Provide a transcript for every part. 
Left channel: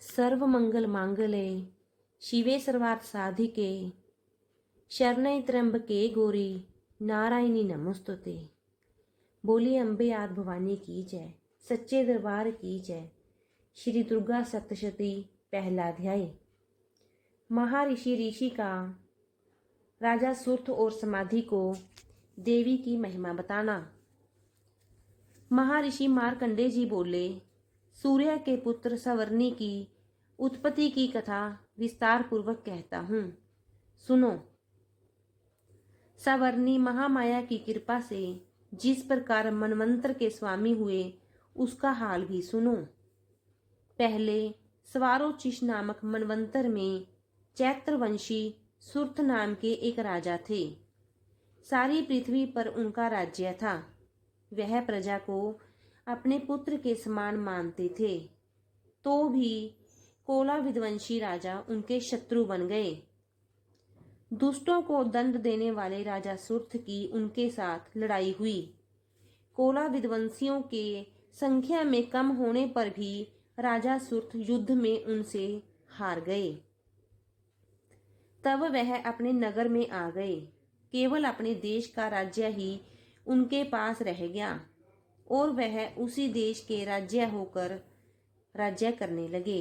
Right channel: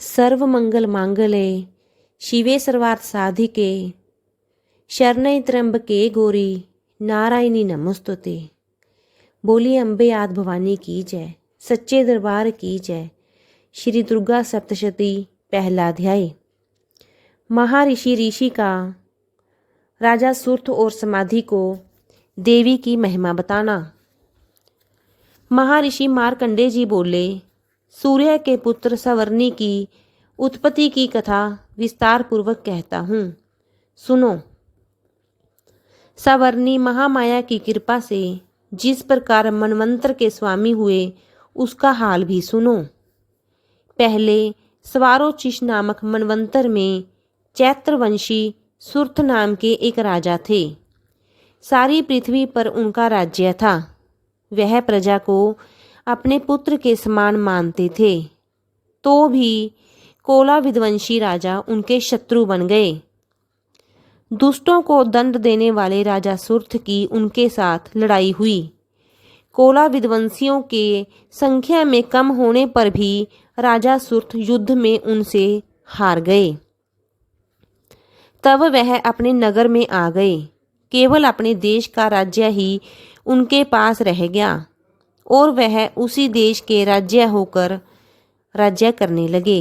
सर्वमंगल मांगल्ये शिवे सर्वार्थ साधिके शरण्ये त्र्यंबके गौरी नारायणी नमोस्तुते। बोली अम्बे आदि भवानी की जय, सच्चे दरबार की जय। श्री दुर्गा सप्तशती पहला अध्याय। महर्षि ऋषि का राजा सुर्थ और समाधि को देवी की महिमा बताना। महर्षि मार्कंडेय जी बोले, सूर्य के पुत्र सवर्णी की उत्पत्ति की कथा विस्तार पूर्वक कहता हूँ, सुनो। सवर्णी महामाया की कृपा से जिस प्रकार मनवंतर के स्वामी हुए उसका हाल भी सुनो। पहले स्वारोचिष नामक मनवंतर में चैत्रवंशी सुर्थ नाम के एक राजा थे। सारी पृथ्वी पर उनका राज्य था। वह प्रजा को अपने पुत्र के समान मानते थे, तो भी कोला विध्वंसी राजा उनके शत्रु बन गए। दुष्टों को दंड देने वाले राजा सुर्थ की उनके साथ लड़ाई हुई। कोला विध्वंसियों के संख्या में कम होने पर भी राजा सुर्थ युद्ध में उनसे हार गए। तब वह अपने नगर में आ गए। केवल अपने देश का राज्य ही उनके पास रह गया और वह उसी देश के राज्य होकर राज्य करने लगे।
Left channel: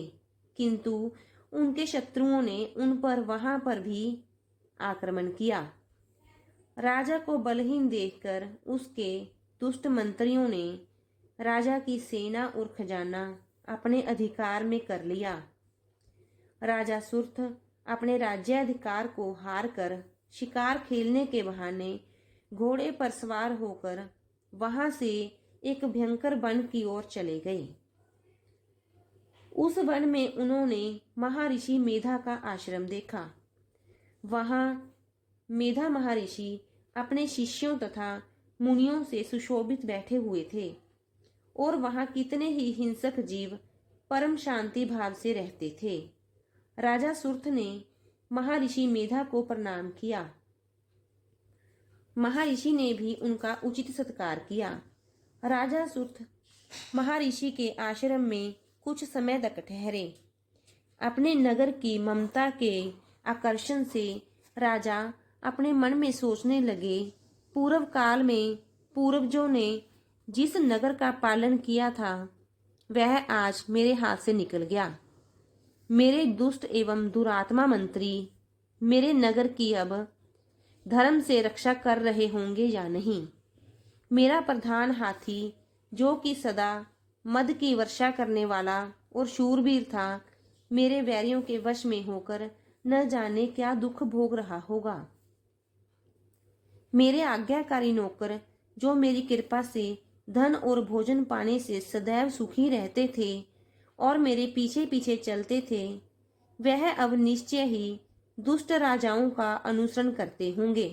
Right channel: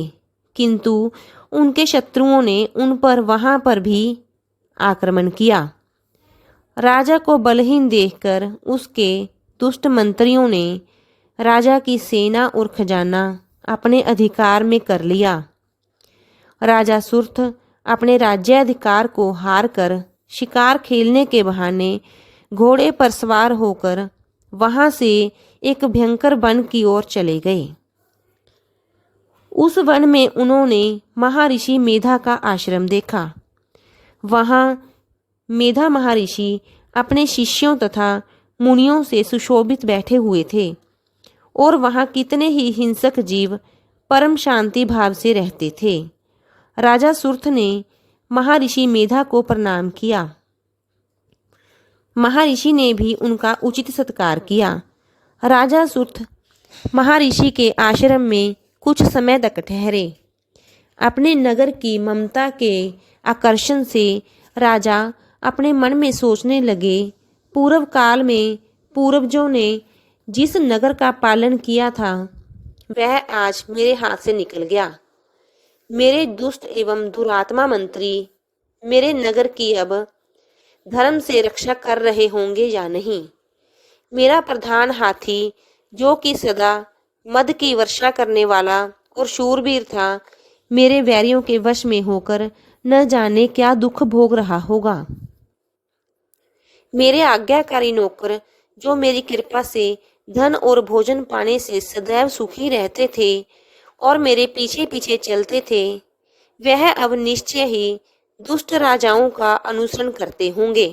किंतु उनके शत्रुओं ने उन पर वहां पर भी आक्रमण किया। राजा को बलहीन देखकर उसके दुष्ट मंत्रियों ने राजा की सेना और खजाना अपने अधिकार में कर लिया। राजा सुर्थ अपने राज्याधिकार को हार कर शिकार खेलने के बहाने घोड़े पर सवार होकर वहां से एक भयंकर वन की ओर चले गए। उस वन में उन्होंने महर्षि मेधा का आश्रम देखा। वहां मेधा महर्षि अपने शिष्यों तथा मुनियों से सुशोभित बैठे हुए थे और वहां कितने ही हिंसक जीव परम शांति भाव से रहते थे। राजा सुर्थ ने महर्षि मेधा को प्रणाम किया। महर्षि ने भी उनका उचित सत्कार किया। राजा सुर्थ महर्षि के आश्रम में कुछ समय तक ठहरे। अपने नगर की ममता के आकर्षण से राजा अपने मन में सोचने लगे, पूर्व काल में पूर्वजों ने जिस नगर का पालन किया था वह आज मेरे हाथ से निकल गया। मेरे दुष्ट एवं दुरात्मा मंत्री मेरे नगर की अब धर्म से रक्षा कर रहे होंगे या नहीं। मेरा प्रधान हाथी जो कि सदा मद की वर्षा करने वाला और शूरवीर था, मेरे वैरियों के वश में होकर न जाने क्या दुख भोग रहा होगा। मेरे आज्ञाकारी नौकर जो मेरी कृपा से धन और भोजन पाने से सदैव सुखी रहते थे और मेरे पीछे पीछे चलते थे, वह अब निश्चय ही दुष्ट राजाओं का अनुसरण करते होंगे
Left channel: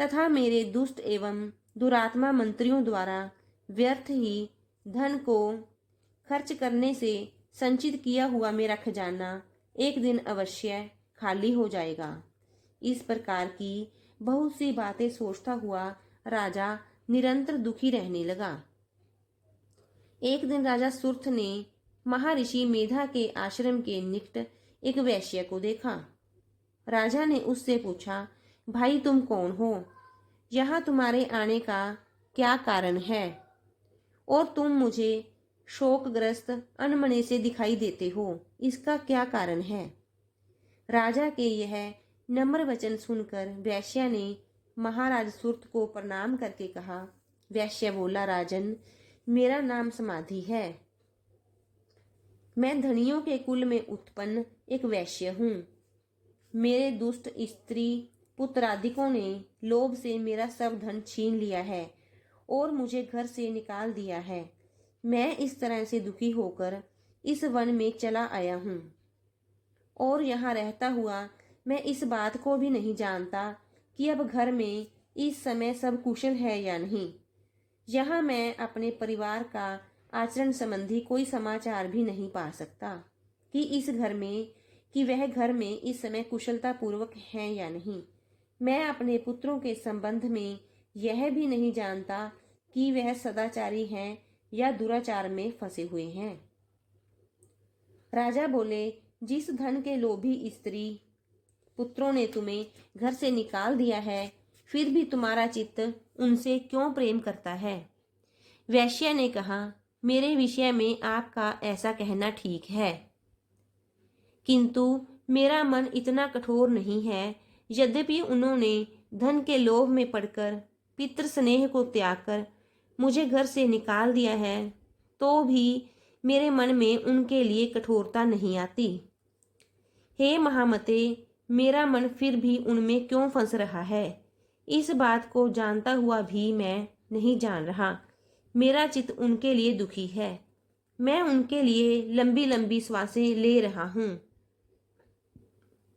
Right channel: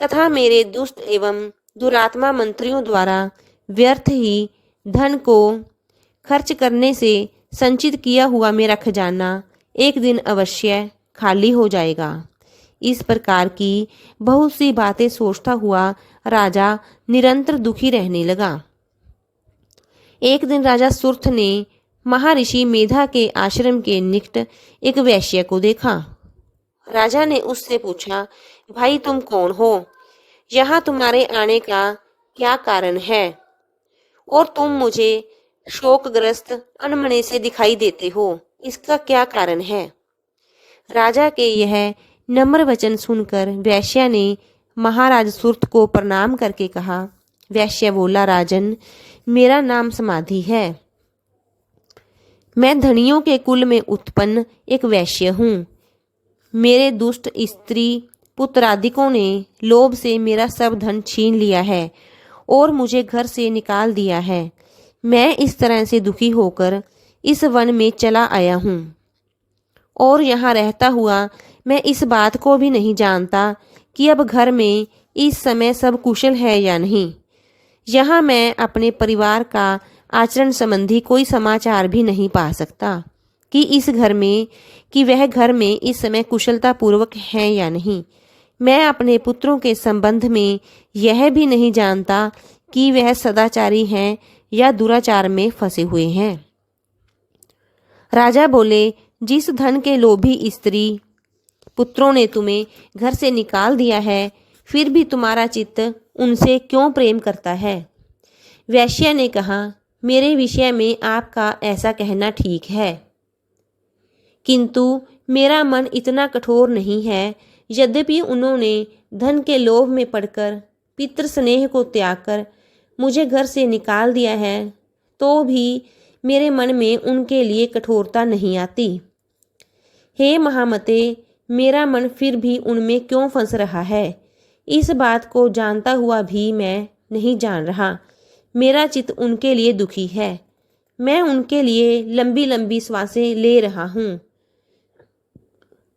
तथा मेरे दुष्ट एवं दुरात्मा मंत्रियों द्वारा व्यर्थ ही धन को खर्च करने से संचित किया हुआ मेरा खजाना एक दिन अवश्य खाली हो जाएगा। इस प्रकार की बहुत सी बातें सोचता हुआ राजा निरंतर दुखी रहने लगा। एक दिन राजा सुर्थ ने महर्षि मेधा के आश्रम के निकट एक वैश्य को देखा। राजा ने उससे पूछा, भाई तुम कौन हो? यहाँ तुम्हारे आने का क्या कारण है और तुम मुझे शोकग्रस्त अनमने से दिखाई देते हो, इसका क्या कारण है? राजा के यह नम्र वचन सुनकर वैश्य ने महाराज सुर्थ को प्रणाम करके कहा। वैश्य बोला, राजन, मेरा नाम समाधि है। मैं धनियों के कुल में उत्पन्न एक वैश्य हूँ। मेरे दुष्ट स्त्री पुत्रादिकों ने लोभ से मेरा सब धन छीन लिया है और मुझे घर से निकाल दिया है। मैं इस तरह से दुखी होकर इस वन में चला आया हूँ और यहाँ रहता हुआ मैं इस बात को भी नहीं जानता कि अब घर में इस समय सब कुशल है या नहीं। यहाँ मैं अपने परिवार का आचरण संबंधी कोई समाचार भी नहीं पा सकता कि वह घर में इस समय कुशलता पूर्वक है या नहीं। मैं अपने पुत्रों के संबंध में यह भी नहीं जानता कि वह सदाचारी हैं या दुराचार में फंसे हुए हैं। राजा बोले, जिस धन के लोभी स्त्री पुत्रों ने तुम्हें घर से निकाल दिया है, फिर भी तुम्हारा चित्त उनसे क्यों प्रेम करता है? वैश्य ने कहा, मेरे विषय में आपका ऐसा कहना ठीक है, किंतु मेरा मन इतना कठोर नहीं है। यद्यपि उन्होंने धन के लोभ में पड़कर पितृ स्नेह को त्याग कर मुझे घर से निकाल दिया है, तो भी मेरे मन में उनके लिए कठोरता नहीं आती। हे महामते, मेरा मन फिर भी उनमें क्यों फंस रहा है? इस बात को जानता हुआ भी मैं नहीं जान रहा। मेरा चित्त उनके लिए दुखी है। मैं उनके लिए लंबी लंबी श्वासें ले रहा हूँ।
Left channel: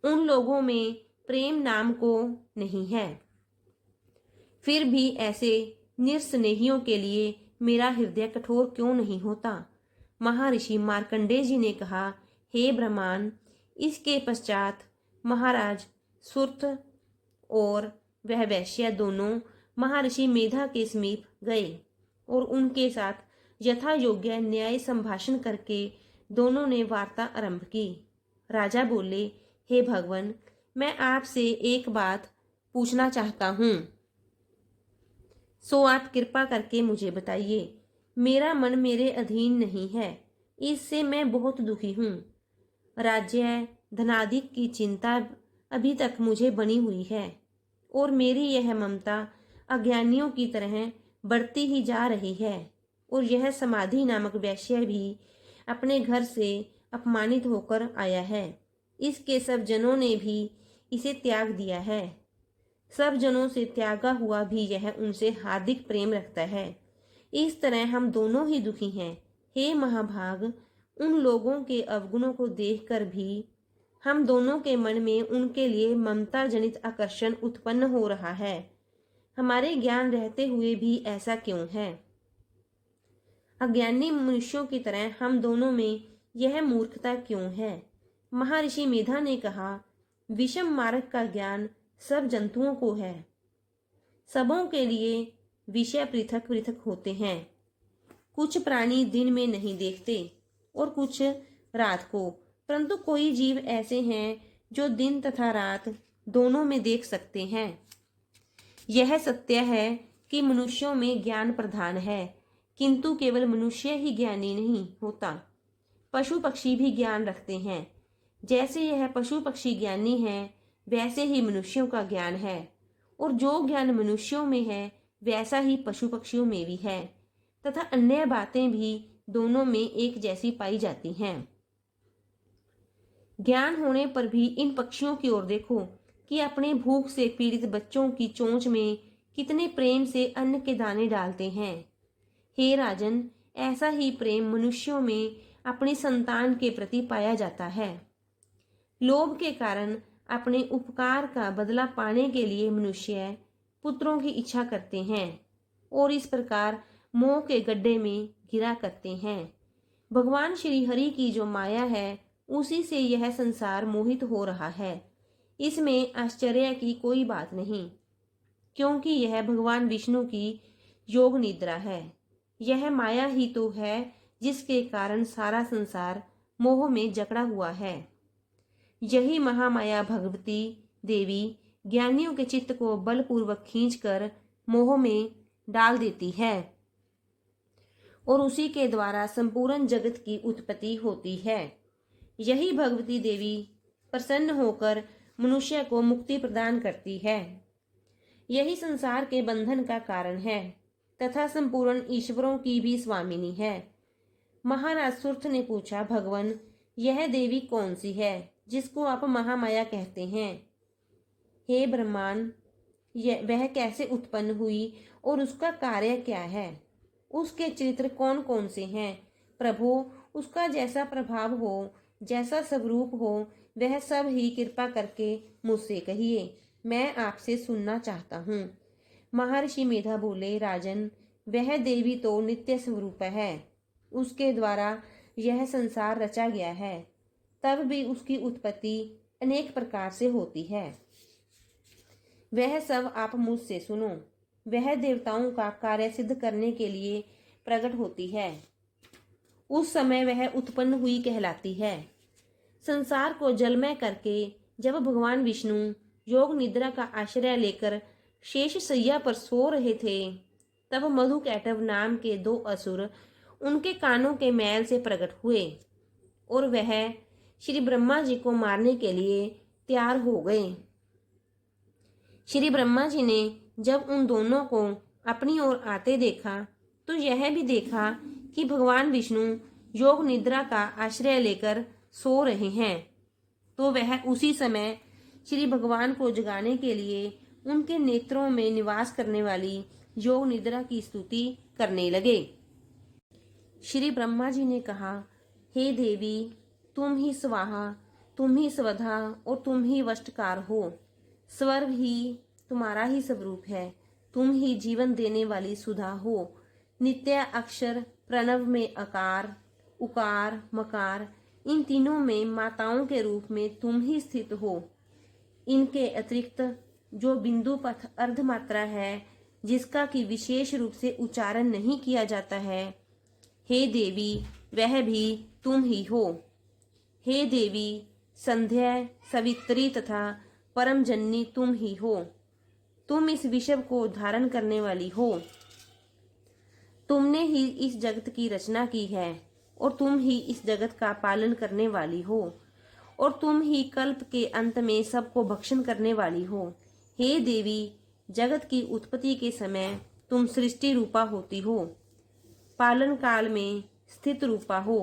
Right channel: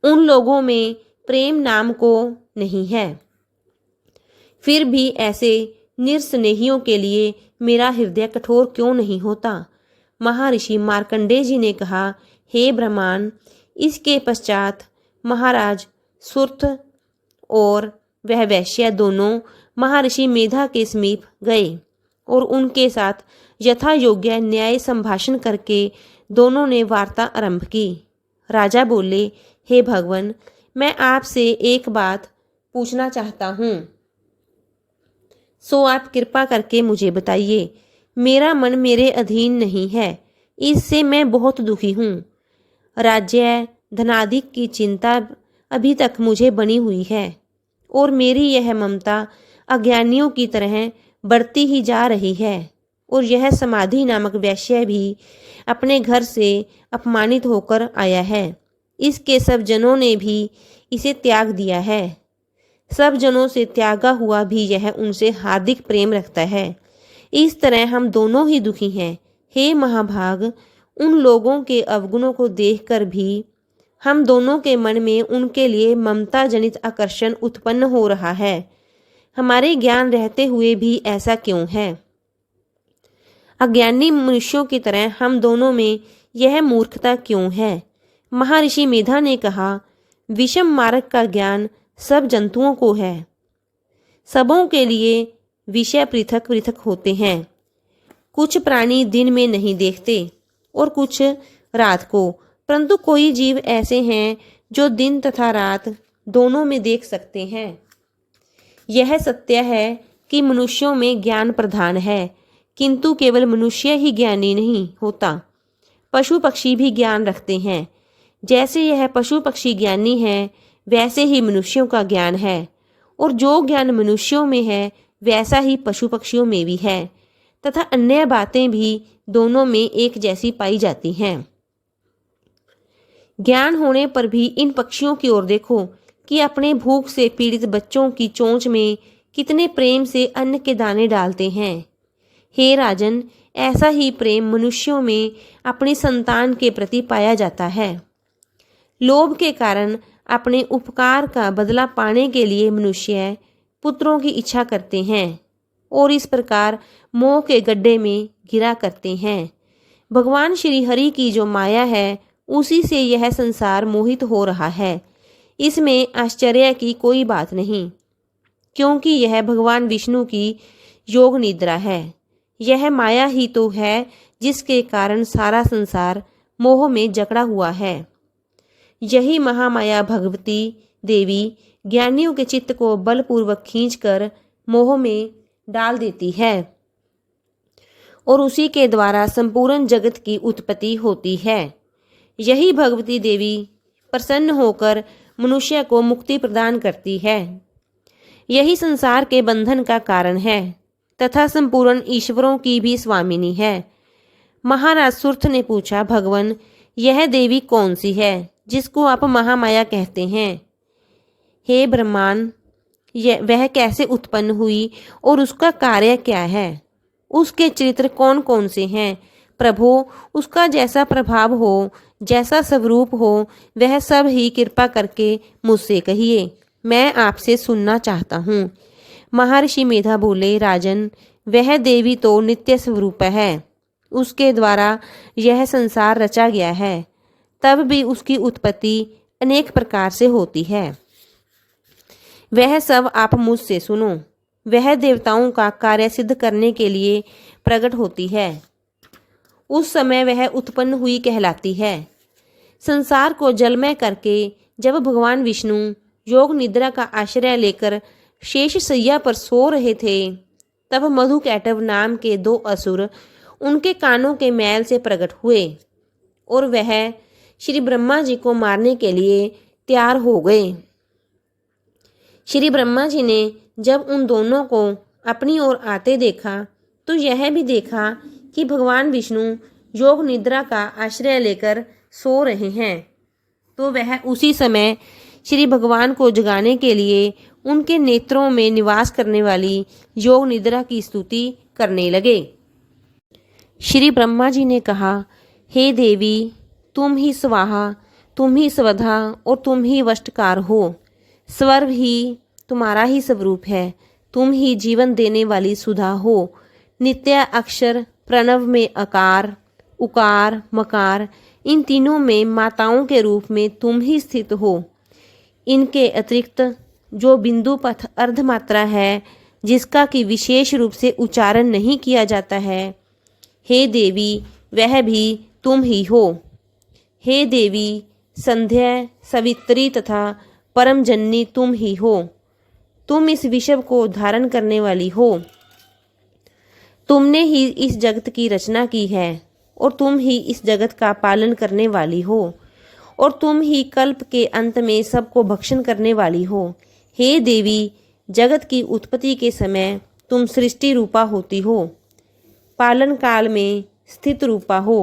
उन लोगों में प्रेम नाम को नहीं है। फिर भी ऐसे निस्नेहियों के लिए मेरा हृदय कठोर क्यों नहीं होता? महर्षि मार्कंडेय जी ने कहा, हे ब्रह्मांड। इसके पश्चात महाराज सुर्थ और वह वैश्य दोनों महर्षि मेधा के समीप गए और उनके साथ यथा योग्य न्याय संभाषण करके दोनों ने वार्ता आरंभ की। राजा बोले, हे भगवान, मैं आपसे एक बात पूछना चाहता हूँ, सो आप कृपा करके मुझे बताइए। मेरा मन मेरे अधीन नहीं है, इससे मैं बहुत दुखी हूँ। राज्य धनाधिक की चिंता अभी तक मुझे बनी हुई है और मेरी यह ममता अज्ञानियों की तरह बढ़ती ही जा रही है। और यह समाधि नामक वैश्य भी अपने घर से अपमानित होकर आया है। इसके सब जनों ने भी इसे त्याग दिया है। सब जनों से त्यागा हुआ भी यह उनसे हार्दिक प्रेम रखता है। इस तरह हम दोनों ही दुखी हैं। हे महाभाग, उन लोगों के अवगुणों को देखकर भी हम दोनों के मन में उनके लिए ममता जनित आकर्षण उत्पन्न हो रहा है। हमारे ज्ञान रहते हुए भी ऐसा क्यों है? अज्ञानी मनुष्यों की तरह हम दोनों में यह मूर्खता क्यों है? महर्षि मेधा ने कहा, विषम मार्ग का ज्ञान सब जंतुओं को है। सबों के लिए विषय पृथक पृथक होते हैं। कुछ प्राणी दिन में नहीं देखते और कुछ रात को, परंतु कोई जीव ऐसे हैं जो दिन तथा रात दोनों में देख सकते हैं। यह सत्य है कि मनुष्यों में ज्ञान प्रधान है, किंतु केवल मनुष्य ही ज्ञानी नहीं होता, पशु पक्षी भी ज्ञान रखते हैं। जैसे यह पशु पक्षी ज्ञानी है, वैसे ही मनुष्यों का ज्ञान है, और जो ज्ञान मनुष्यों में है वैसा ही पशु पक्षियों में भी है, तथा अन्य बातें भी दोनों में एक जैसी पाई जाती हैं। ज्ञान होने पर भी इन पक्षियों की ओर देखो कि अपने भूख से पीड़ित बच्चों की चोंच में कितने प्रेम से अन्न के दाने डालते हैं। हे राजन, ऐसा ही प्रेम मनुष्यों में अपनी संतान के प्रति पाया जाता है। लोभ के कारण अपने उपकार का बदला पाने के लिए मनुष्य पुत्रों की इच्छा करते हैं और इस प्रकार मोह के गड्ढे में गिरा करते हैं। भगवान श्री हरि की जो माया है, उसी से यह संसार मोहित हो रहा है। इसमें आश्चर्य की कोई बात नहीं, क्योंकि यह भगवान विष्णु की योग निद्रा है। यह माया ही तो है जिसके कारण सारा संसार मोह में जकड़ा हुआ है। यही महामाया भगवती देवी ज्ञानियों के चित्त को बलपूर्वक खींचकर मोह में डाल देती है और उसी के द्वारा संपूर्ण जगत की उत्पत्ति होती है। यही भगवती देवी प्रसन्न होकर मनुष्य को मुक्ति प्रदान करती है। यही संसार के बंधन का कारण है तथा संपूर्ण ईश्वरों की भी स्वामिनी है। महाराज सुर्थ ने पूछा, भगवान, यह देवी कौन सी है जिसको आप महामाया कहते हैं? हे ब्रह्मांड, वह कैसे उत्पन्न हुई और उसका कार्य क्या है? उसके चरित्र कौन कौन से हैं? प्रभो, उसका जैसा प्रभाव हो, जैसा स्वरूप हो, वह सब ही कृपा करके मुझसे कहिए, मैं आपसे सुनना चाहता हूँ। महर्षि मेधा बोले, राजन, वह देवी तो नित्य स्वरूप है। उसके द्वारा यह संसार रचा गया है, तब भी उसकी उत्पत्ति अनेक प्रकार से होती है। वह सब आप मुझसे सुनो। वह देवताओं का कार्य सिद्ध करने के लिए प्रकट होती है। उस समय वह उत्पन्न हुई कहलाती है। संसार को जलमय करके जब भगवान विष्णु योग निद्रा का आश्रय लेकर शेष सैया पर सो रहे थे, तब मधुकैटभ नाम के 2 असुर उनके कानों के मैल से प्रकट हुए और वह श्री ब्रह्मा जी को मारने के लिए तैयार हो गए। श्री ब्रह्मा जी ने जब उन दोनों को अपनी ओर आते देखा तो यह भी देखा कि भगवान विष्णु योग निद्रा का आश्रय लेकर सो रहे हैं, तो वह उसी समय श्री भगवान को जगाने के लिए उनके नेत्रों में निवास करने वाली योग निद्रा की स्तुति करने लगे। श्री ब्रह्मा जी ने कहा, हे देवी, तुम ही स्वाहा, तुम ही स्वधा और तुम ही वष्टकार हो। स्वर्ग ही तुम्हारा ही स्वरूप है। तुम ही जीवन देने वाली सुधा हो। नित्य अक्षर प्रणव में अकार, उकार, मकार, इन तीनों में माताओं के रूप में तुम ही स्थित हो। इनके अतिरिक्त जो बिंदु पथ अर्धमात्रा है, जिसका कि विशेष रूप से उच्चारण नहीं किया जाता है, हे देवी, वह भी तुम ही हो। हे देवी, संध्या, सवित्री तथा परम जननी तुम ही हो। तुम इस विश्व को धारण करने वाली हो। तुमने ही इस जगत की रचना की है और तुम ही इस जगत का पालन करने वाली हो और तुम ही कल्प के अंत में सबको भक्षण करने वाली हो। हे देवी, जगत की उत्पत्ति के समय तुम सृष्टि रूपा होती हो, पालन काल में स्थित रूपा हो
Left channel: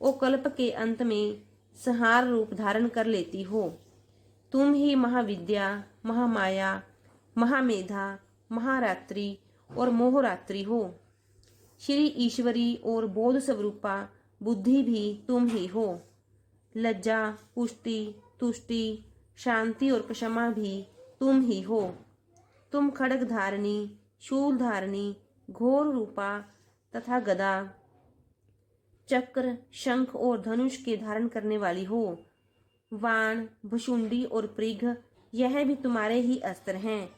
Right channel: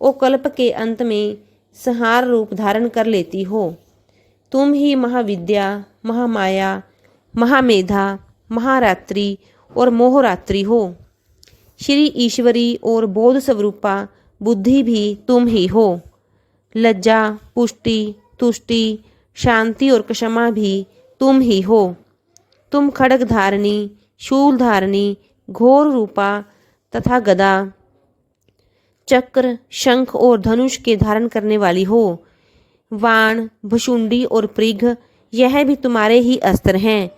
और कल्प के अंत में संहार रूप धारण कर लेती हो। तुम ही महाविद्या, महामाया, महामेधा, महारात्रि और मोहरात्रि हो। श्री ईश्वरी और बोध स्वरूपा बुद्धि भी तुम ही हो। लज्जा, पुष्टि, तुष्टि, शांति और क्षमा भी तुम ही हो। तुम खड्ग धारणी, शूल धारणी, घोर रूपा तथा गदा, चक्र, शंख और धनुष के धारण करने वाली हो। वाण, भुशुंडी और पृघ, यह भी तुम्हारे ही अस्त्र हैं।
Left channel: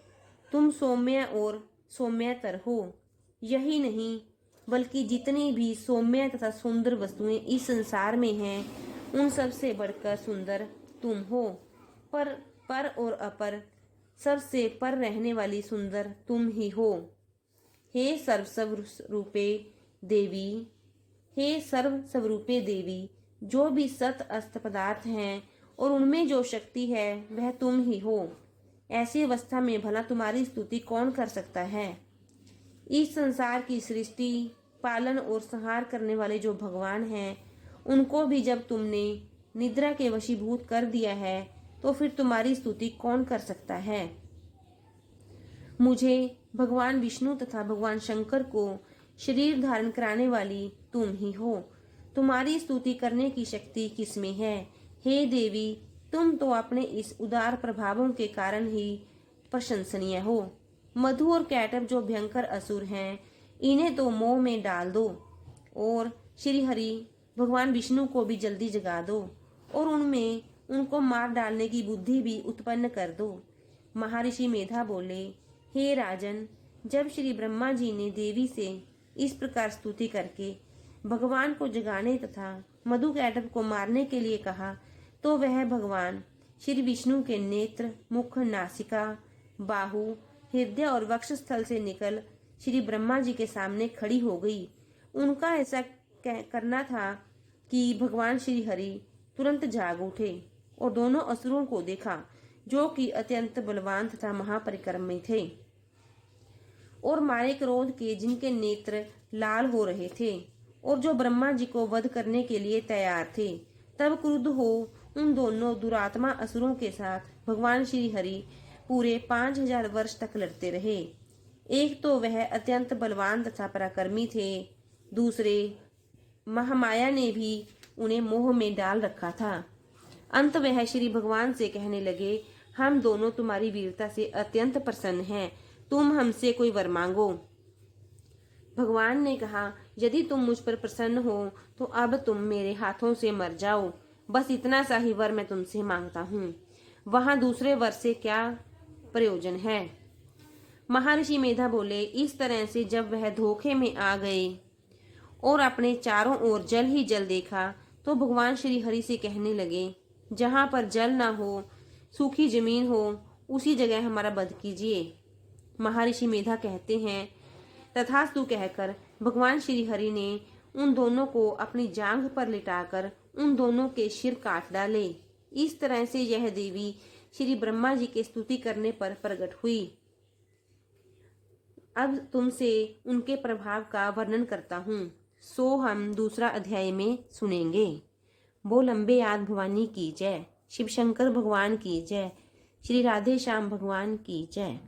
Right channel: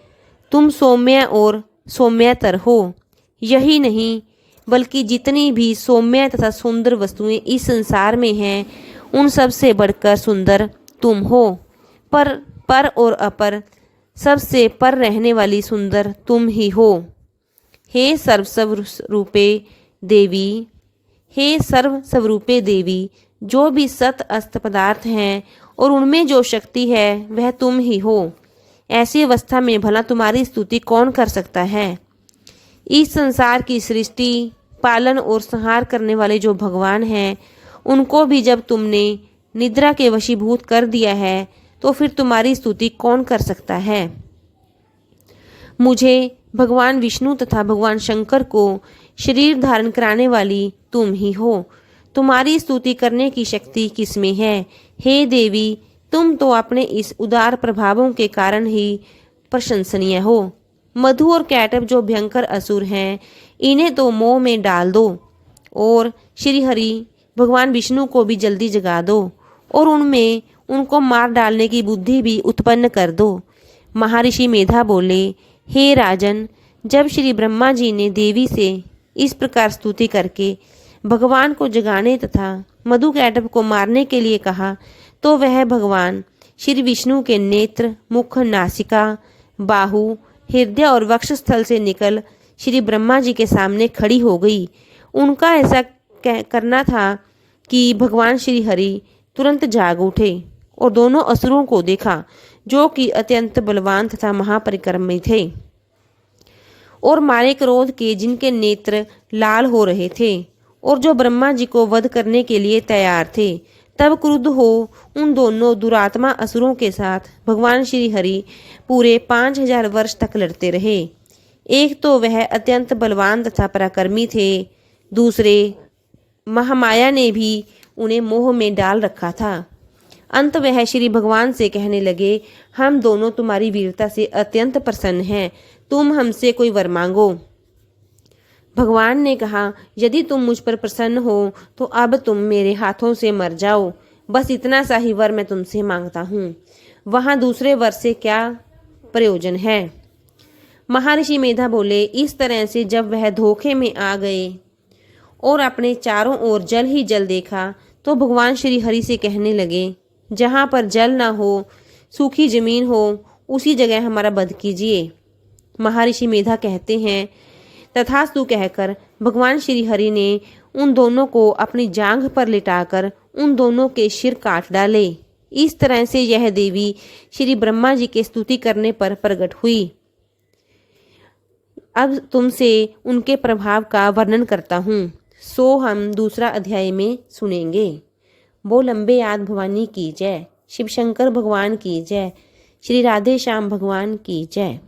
तुम सौम्य और सौम्यतर हो। यही नहीं बल्कि जितनी भी सौम्य तथा सुंदर वस्तुएं इस संसार में हैं, उन सब से बढ़कर सुंदर तुम हो। पर और अपर, सबसे पर रहने वाली सुंदर तुम ही हो। हे सर्वस्वरूपे देवी, हे सर्व स्वरूपे देवी, जो भी सत अस्त पदार्थ हैं और उनमें जो शक्ति है वह तुम ही हो। ऐसी अवस्था में भला तुम्हारी स्तुति कौन कर सकता है। इस संसार की सृष्टि, पालन और संहार करने वाले जो भगवान हैं, उनको भी जब तुमने निद्रा के वशीभूत कर दिया है, तो फिर तुम्हारी स्तुति कौन कर सकता है। मुझे भगवान विष्णु तथा भगवान शंकर को शरीर धारण कराने वाली तुम ही हो। तुम्हारी स्तुति करने की शक्ति किसमें है। हे देवी, तुम तो अपने इस उदार प्रभावों के कारण ही प्रशंसनीय हो। मधु और कैटभ जो भयंकर असुर हैं, इन्हें तो मोह में डाल दो और श्री हरि भगवान विष्णु को भी जल्दी जगा दो और उनमें उनको मार डालने की बुद्धि भी उत्पन्न कर दो। महर्षि मेधा बोले, हे राजन, जब श्री ब्रह्मा जी ने देवी से इस प्रकार स्तुति करके भगवान को जगाने तथा मधुकैटभ को मारने के लिए कहा, तो वह भगवान श्री विष्णु के नेत्र, मुख, नासिका, बाहु, हृदय और वक्षस्थल से निकल श्री ब्रह्मा जी के सामने खड़ी हो गई। उनका ऐसा करना था कि भगवान श्री हरि तुरंत जाग उठे और दोनों असुरों को देखा, जो कि अत्यंत बलवान तथा महापरिक्रमी थे और मारे क्रोध के, जिनके नेत्र लाल हो रहे थे और जो ब्रह्मा जी को वध करने के लिए तैयार थे। तब क्रुद्ध हो उन दोनों दुरात्मा असुरों के साथ भगवान श्री हरि पूरे 5000 वर्ष तक लड़ते रहे। एक तो वह अत्यंत बलवान तथा पराक्रमी थे, दूसरे महामाया ने भी उन्हें मोह में डाल रखा था। अंत वह श्री भगवान से कहने लगे, हम दोनों तुम्हारी वीरता से अत्यंत प्रसन्न हैं, तुम हमसे कोई वर मांगो। भगवान ने कहा, यदि तुम मुझ पर प्रसन्न हो तो अब तुम मेरे हाथों से मर जाओ। बस इतना सा ही वर मैं तुमसे मांगता हूँ, वहाँ दूसरे वर से क्या प्रयोजन है। महर्षि मेधा बोले, इस तरह से जब वह धोखे में आ गए और अपने चारों ओर जल ही जल देखा तो भगवान श्री हरि से कहने लगे, जहाँ पर जल ना हो, सूखी जमीन हो, उसी जगह हमारा वध कीजिए। महर्षि मेधा कहते हैं, तथास्तु कहकर भगवान श्री हरि ने उन दोनों को अपनी जांघ पर लिटाकर उन दोनों के सिर काट डाले। इस तरह से यह देवी श्री ब्रह्मा जी के स्तुति करने पर प्रकट हुई। अब तुमसे उनके प्रभाव का वर्णन करता हूँ, सो हम दूसरा अध्याय में सुनेंगे। बोल अम्बे आदि भवानी की जय, शिव शंकर भगवान की जय, श्री राधे श्याम भगवान की जय।